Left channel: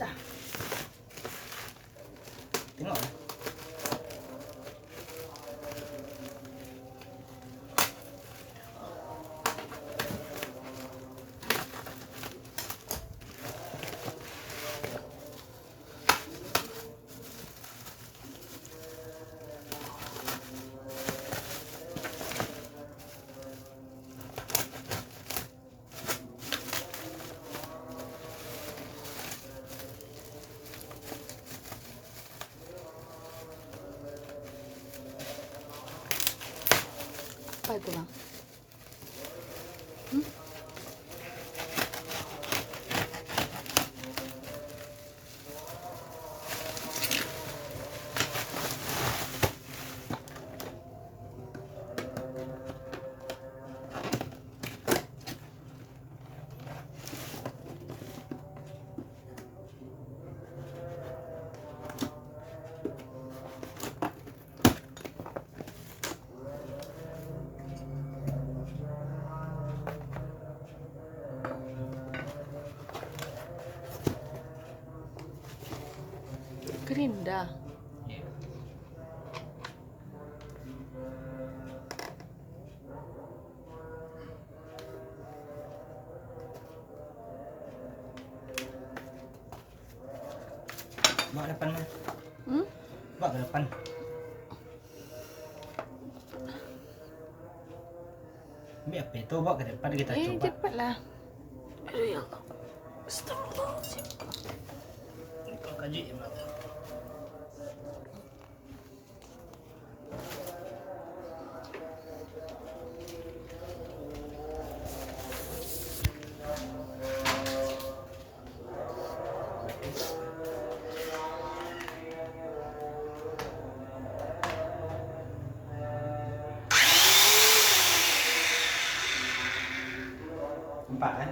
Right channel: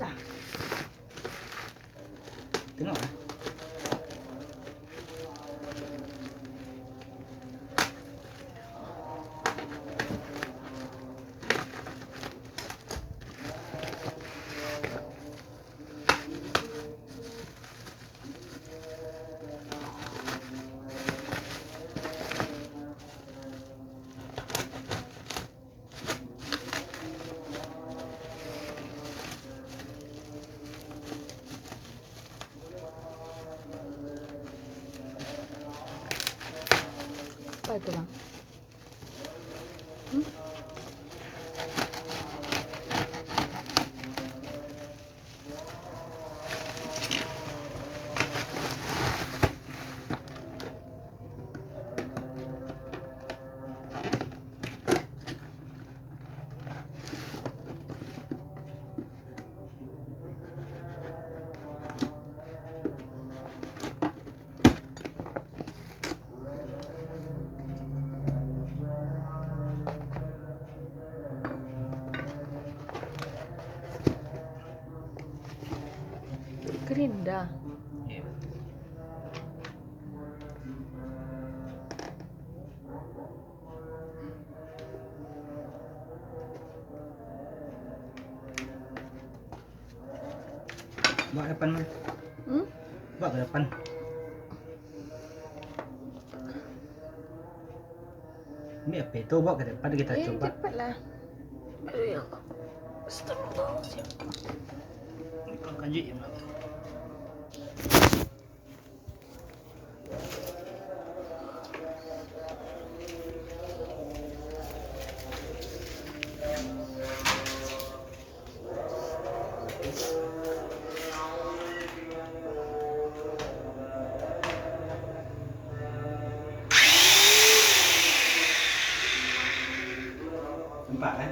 dah. Tengok lah. Apa itu bang? Kering dah. Ya. Bawa depan mana? Bawa ke depan. Ambil apa itu, bawa ke depan kita coba. Cepatlah. Ya Allah. Astagfirullahaladzim. Ini kau kaji ya, Mak. Nampak kan?